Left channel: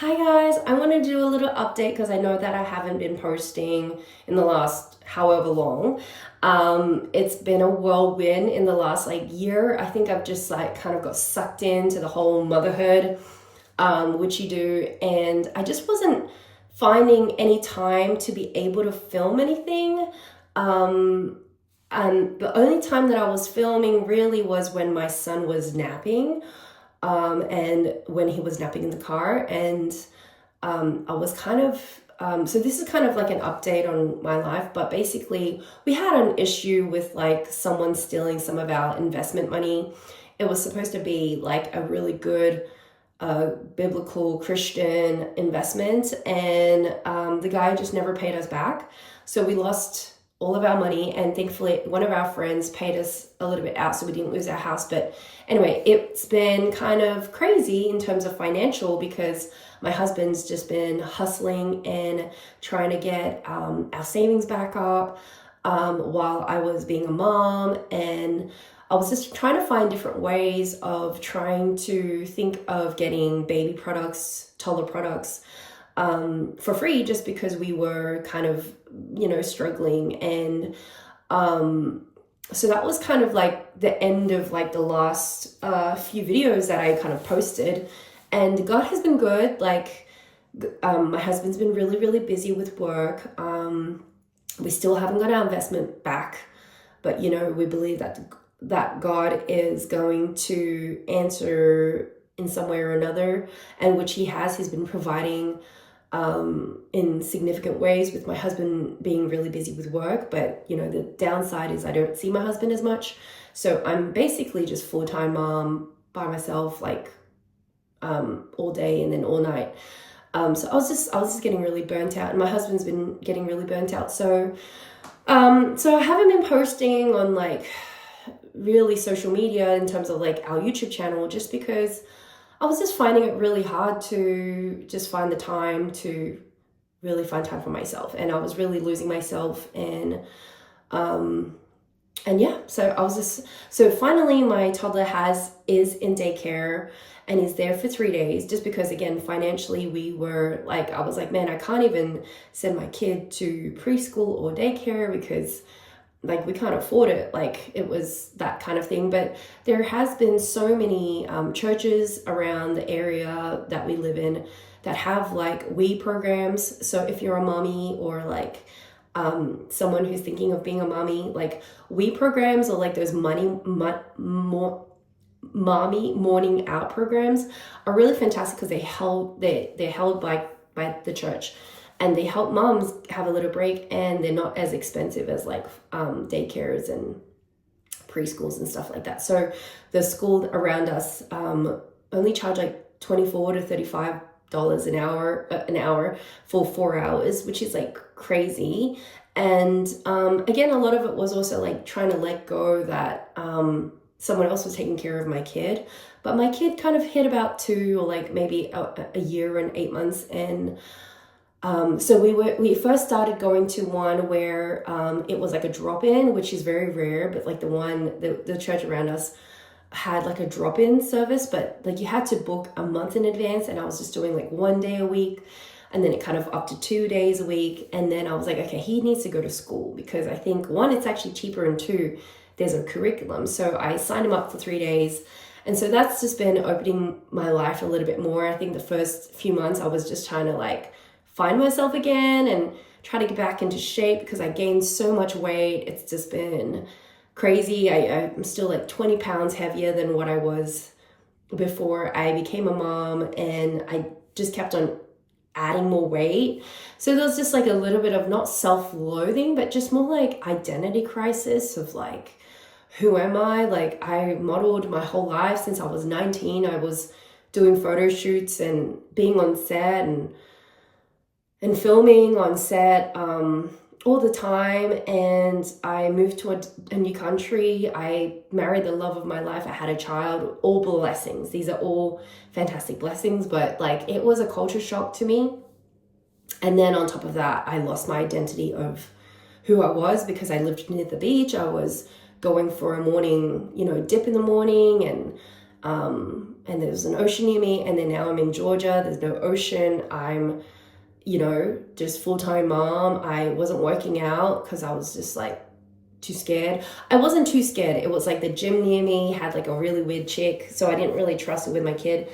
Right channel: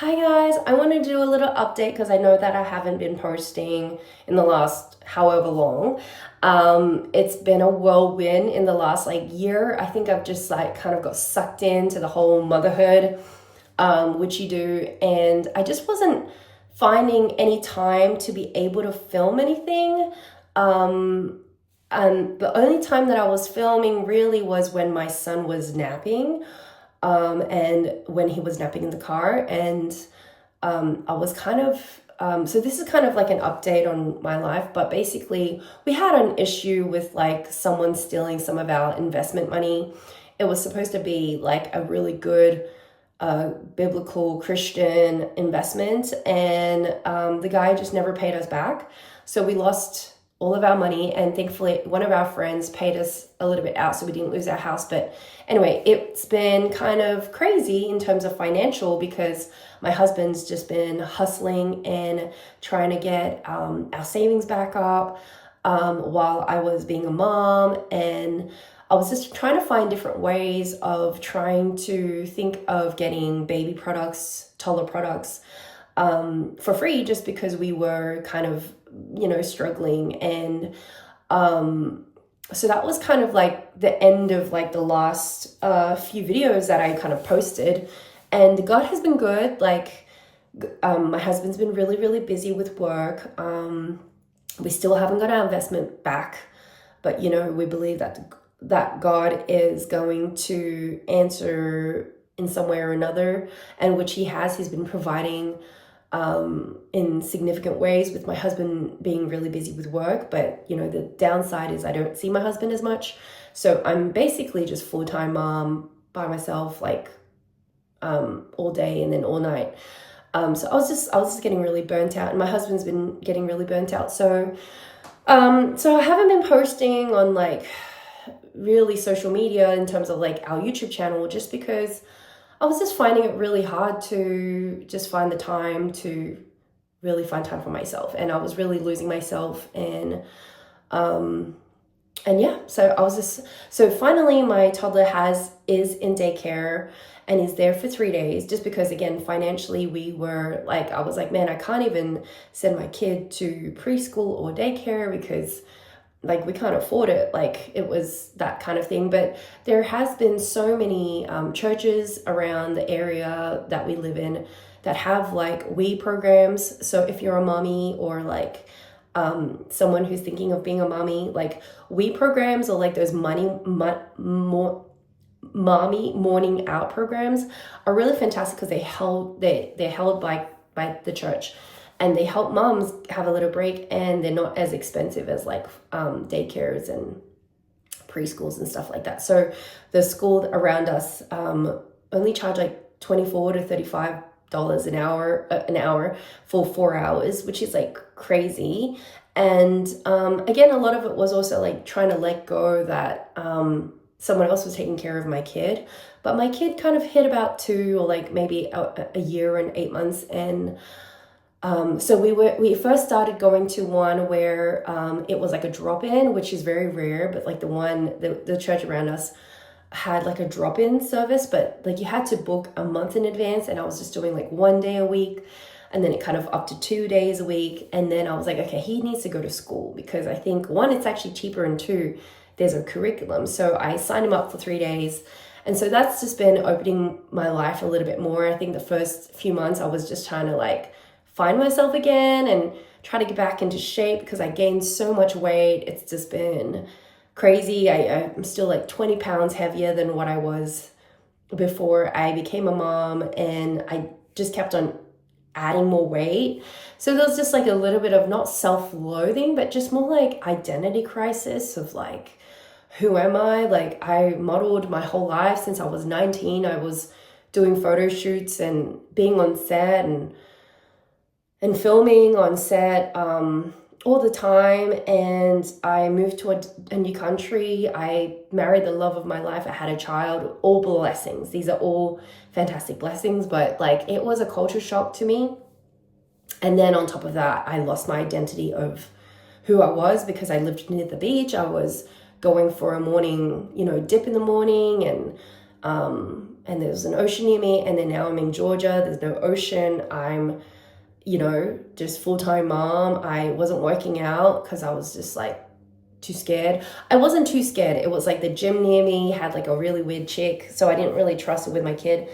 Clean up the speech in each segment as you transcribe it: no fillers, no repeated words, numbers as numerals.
Hi guys, I want to do a little update because I know that I haven't been posting in the last however long. It's been a whirlwind in the last year. I think I've just kind of got sucked into the whole motherhood, which you do, and I just wasn't finding any time to be able to film anything. And the only time that I was filming really was when my son was napping, and when he was napping in the car. And I was kind of, so this is kind of like an update on my life, but basically we had an issue with someone stealing some of our investment money. It was supposed to be like a really good biblical Christian investment, and the guy just never paid us back. So we lost all of our money, and thankfully one of our friends paid us a little bit out so we didn't lose our house. But anyway, it's been kind of crazy in terms of financial because my husband's just been hustling and trying to get our savings back up, while I was being a mom. And I was just trying to find different ways of trying to think of getting baby products, toddler products, for free, just because we were kind of, struggling. And so that was kind of like the end of the last few videos that I kind of posted. And God has been good. My husband's been really, really busy with work. We still haven't got our investment back, but we believe that God is going to answer in some way or another, and which he has. He's been providing in significant ways, with my husband being really busy with work. But the downside is I don't see my husband as much, so I'm basically just full-time mom by myself, all day and then all night. So I was just getting really burnt out, and my husband's been getting really burnt out. So so I haven't been posting on really social media in terms of our YouTube channel, just because I was just finding it really hard to just find the time to really find time for myself. And I was really losing myself. And yeah, so finally my toddler is in daycare and is there for 3 days, just because again, financially I was like, man, I can't even send my kid to preschool or daycare because we can't afford it. It was that kind of thing. But there has been so many churches around the area that we live in that have we programs. So if you're a mommy or someone who's thinking of being a mommy, we programs, or those mommy morning out programs are really fantastic because they're held by the church, and they help moms have a little break, and they're not as expensive as daycares and preschools and stuff like that. So the school around us only charge $24 to $35 an hour for 4 hours, which is crazy. And again, a lot of it was also trying to let go that someone else was taking care of my kid. But my kid kind of hit about 2 or maybe a year and 8 months. And so we first started going to one where it was a drop-in, which is very rare, but the church around us had a drop-in service, but you had to book a month in advance, and I was just doing 1 day a week, and then it kind of up to 2 days a week. And then I was like, okay, he needs to go to school, because I think 1, it's actually cheaper, and 2, there's a curriculum. So I signed him up for 3 days. And so that's just been opening my life a little bit more. I think the first few months I was just trying to find myself again and try to get back into shape, because I gained so much weight. It's just been crazy. I'm still 20 pounds heavier than what I was before I became a mom, and I just kept on adding more weight. So there was just a little bit of not self-loathing, but just more identity crisis of who am I? I modeled my whole life since I was 19. I was doing photo shoots and being on set and filming on set all the time. And I moved to a new country. I married the love of my life. I had a child. All blessings. These are all fantastic blessings. But it was a culture shock to me. And then on top of that, I lost my identity of who I was, because I lived near the beach. I was going for a morning, dip in the morning, and And there's an ocean near me, and then now I'm in Georgia, there's no ocean. I'm, just full-time mom. I wasn't working out because I was just like too scared. I wasn't too scared. It was like the gym near me had like a really weird chick, so I didn't really trust it with my kid.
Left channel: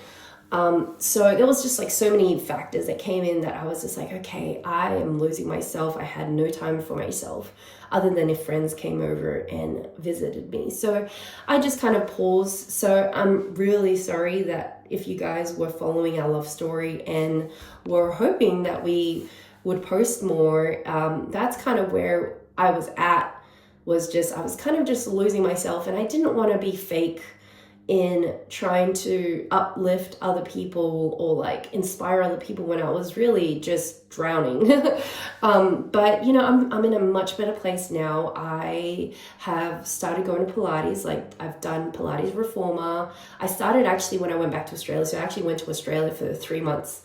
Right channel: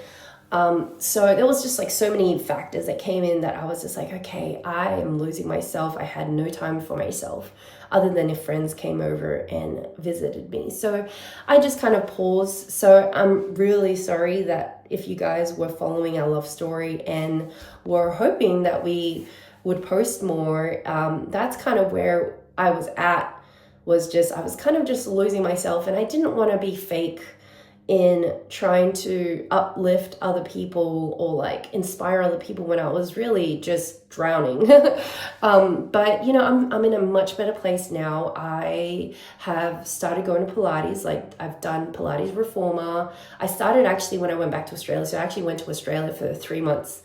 So there was just like so many factors that came in that I was just like, okay, I am losing myself. I had no time for myself other than if friends came over and visited me. So I just kind of paused. So I'm really sorry that if you guys were following our love story and were hoping that we would post more, that's kind of where I was at, I was kind of just losing myself, and I didn't want to be fake in trying to uplift other people or like inspire other people when I was really just drowning. But I'm in a much better place now. I have started going to Pilates. Like, I've done Pilates Reformer. I started actually when I went back to Australia. So I actually went to Australia for 3 months.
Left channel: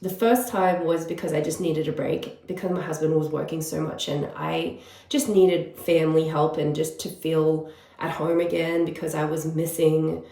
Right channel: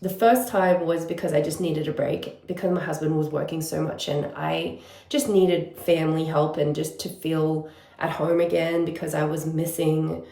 The first time was because I just needed a break because my husband was working so much, and I just needed family help and just to feel at home again, because I was missing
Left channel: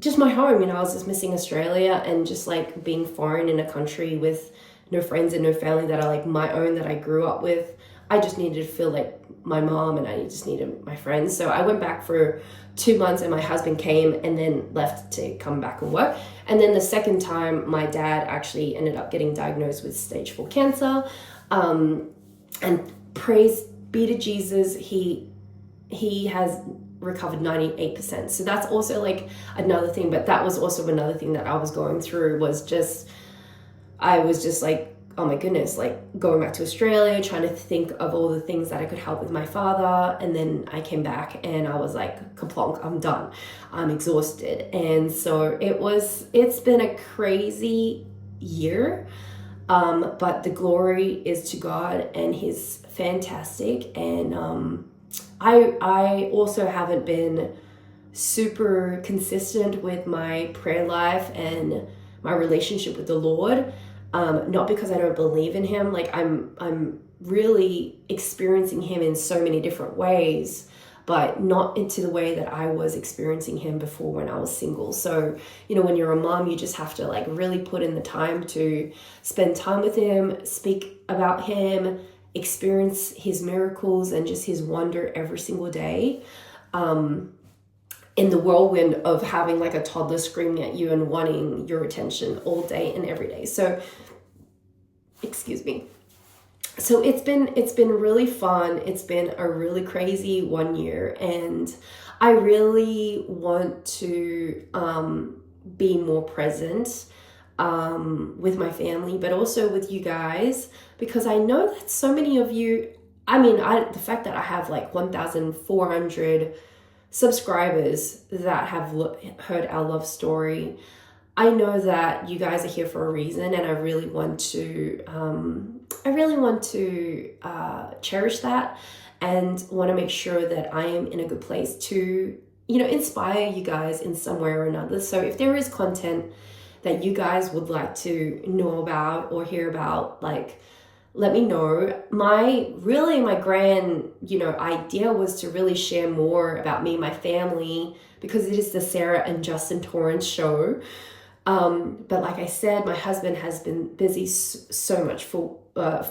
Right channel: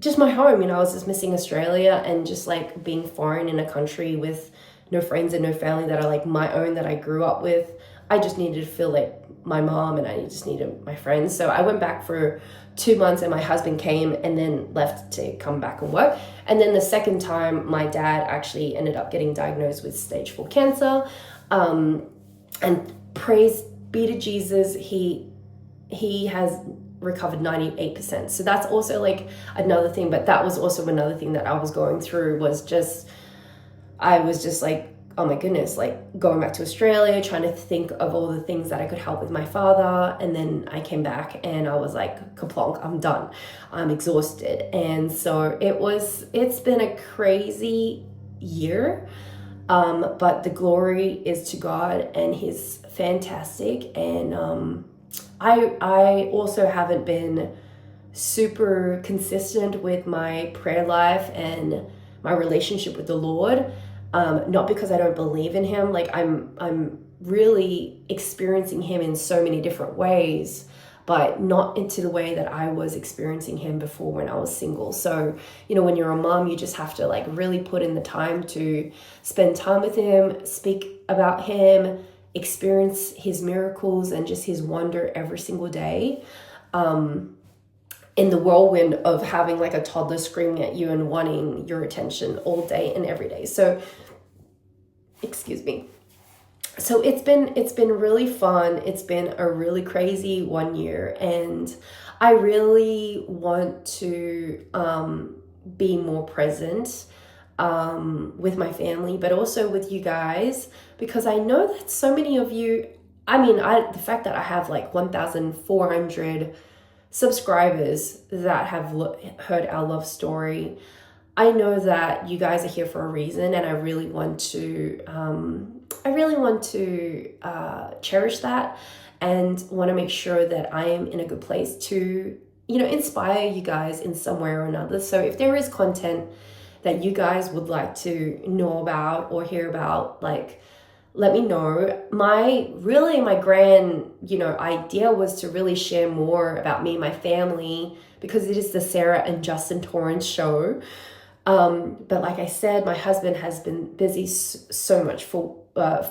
just my home. I was just missing Australia, and just like being foreign in a country with no friends and no family that are like my own, that I grew up with. I just needed to feel like my mom, and I just needed my friends. So I went back for 2 months, and my husband came and then left to come back and work. And then the second time, my dad actually ended up getting diagnosed with stage 4 cancer. And praise be to Jesus, he has recovered 98%. So that's also like another thing. But that was also another thing that I was going through, I was just like, oh my goodness, like going back to Australia, trying to think of all the things that I could help with my father. And then I came back and I was like, kaplonk, I'm done. I'm exhausted. And so it's been a crazy year. But the glory is to God, and He's fantastic. And I also haven't been super consistent with my prayer life and my relationship with the Lord. Not because I don't believe in Him. Like, I'm really experiencing Him in so many different ways, but not into the way that I was experiencing Him before when I was single. So, when you're a mom, you just have to like really put in the time to spend time with Him, speak about Him, experience His miracles and just His wonder every single day. In the whirlwind of having like a toddler screaming at you and wanting your attention all day and every day. So, excuse me. So it's been really fun. It's been a really crazy 1 year, and I really want to be more present with my family, but also with you guys, because I know that so many of you, the fact that I have like 1,400 subscribers that have heard our love story, I know that you guys are here for a reason, and I really want to cherish that, and want to make sure that I am in a good place to inspire you guys in some way or another. So if there is content that you guys would like to know about or hear about, like, let me know. My grand, idea was to really share more about me and my family, because it is the Sarah and Justin Torrance show. But like I said, my husband has been busy so much for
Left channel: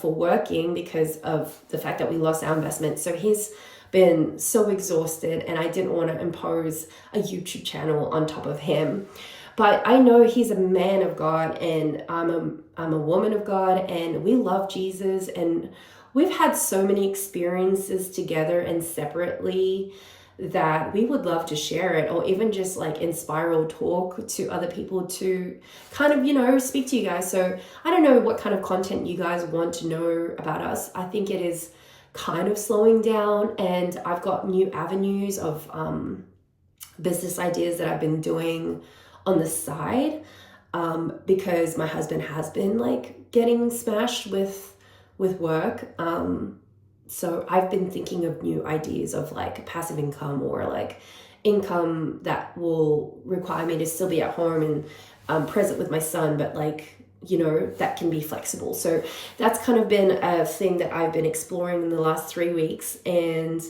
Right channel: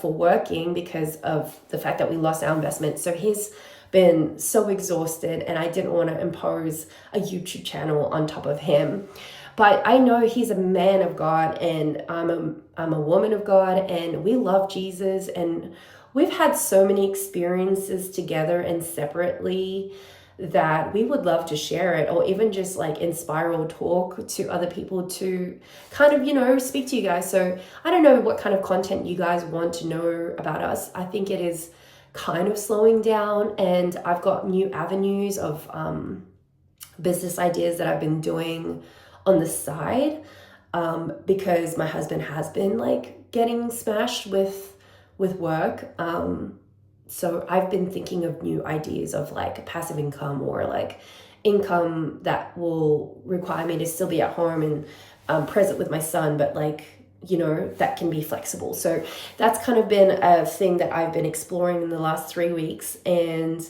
working because of the fact that we lost our investment. So he's been so exhausted, and I didn't want to impose a YouTube channel on top of him. But I know he's a man of God, and I'm a woman of God, and we love Jesus, and we've had so many experiences together and separately that we would love to share it, or even just like inspire or talk to other people to kind of, speak to you guys. So I don't know what kind of content you guys want to know about us. I think it is kind of slowing down, and I've got new avenues of business ideas that I've been doing on the side, because my husband has been like getting smashed with work. So I've been thinking of new ideas of like passive income, or like income that will require me to still be at home and present with my son, but like, that can be flexible. So that's kind of been a thing that I've been exploring in the last 3 weeks. And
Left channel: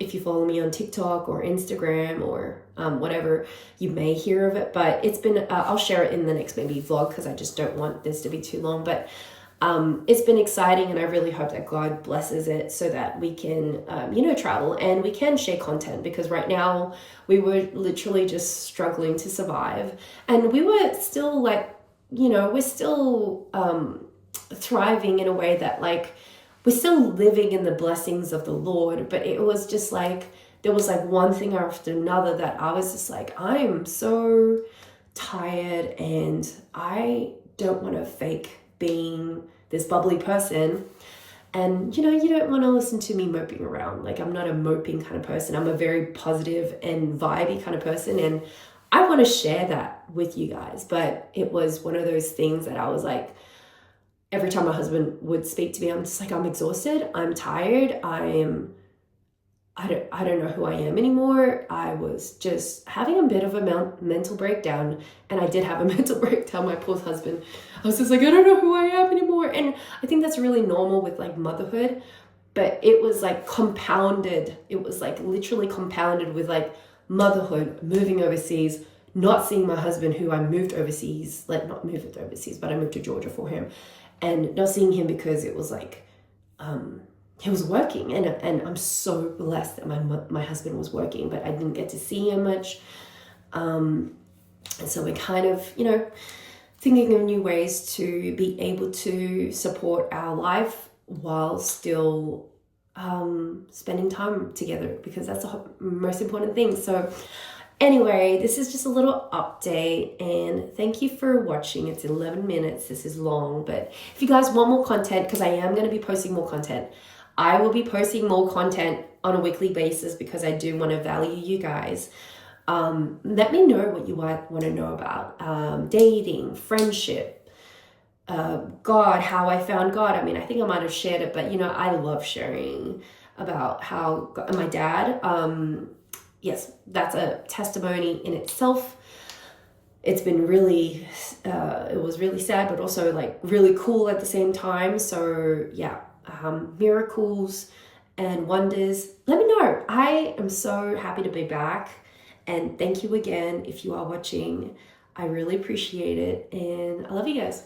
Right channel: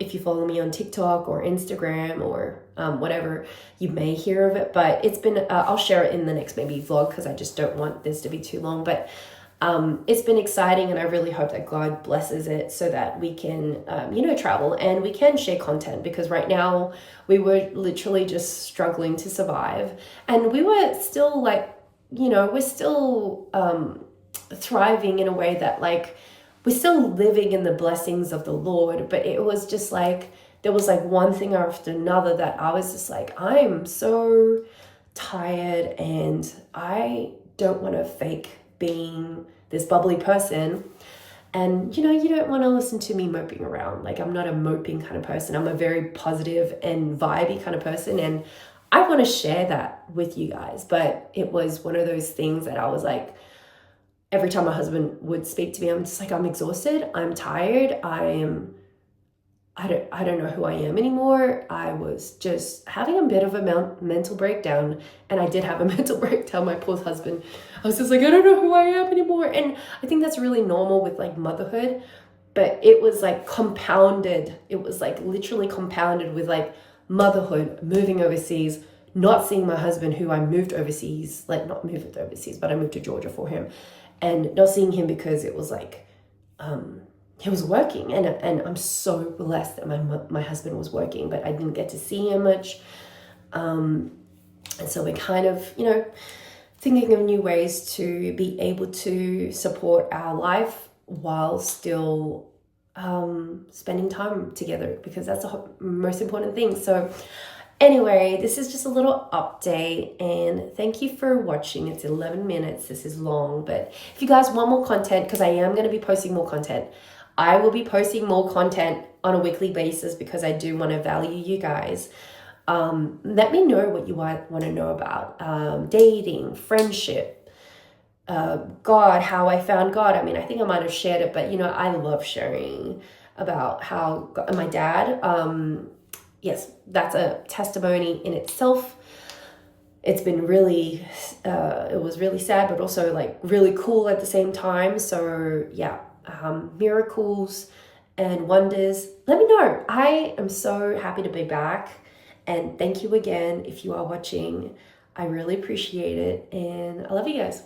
If you follow me on TikTok or Instagram or whatever, you may hear of it. But it's been, I'll share it in the next maybe vlog because I just don't want this to be too long. But it's been exciting, and I really hope that God blesses it so that we can, travel and we can share content, because right now we were literally just struggling to survive, and we were still like, we're still thriving in a way that like we're still living in the blessings of the Lord. But it was just like, there was like one thing after another that I was just like, I'm so tired and I don't want to fake being this bubbly person. And you don't want to listen to me moping around. Like, I'm not a moping kind of person. I'm a very positive and vibey kind of person, and I want to share that with you guys. But it was one of those things that I was like, every time my husband would speak to me, I'm just like, I'm exhausted, I'm tired, I don't know who I am anymore. I was just having a bit of a mental breakdown, and I did have a mental breakdown, my poor husband. I was just like, I don't know who I am anymore. And I think that's really normal with like motherhood, but it was like compounded. It was like literally compounded with like motherhood, moving overseas, not seeing my husband, who I moved overseas, like not moved overseas, but I moved to Georgia for him, and not seeing him because it was like, he was working, and I'm so blessed that my husband was working, but I didn't get to see him much. And so we're kind of, thinking of new ways to be able to support our life while still spending time together, because that's the most important thing. So anyway, this is just a little update, and thank you for watching. It's 11 minutes. This is long, but if you guys want more content, because I am going to be posting more content, I will be posting more content on a weekly basis, because I do want to value you guys. Let me know what you want to know about dating, friendship, God, how I found God. I mean, I think I might have shared it, but I love sharing about how my dad, yes, that's a testimony in itself. It's been really, it was really sad, but also like really cool at the same time. So yeah, miracles and wonders. Let me know. I am so happy to be back. And thank you again if you are watching. I really appreciate it. And I love you guys.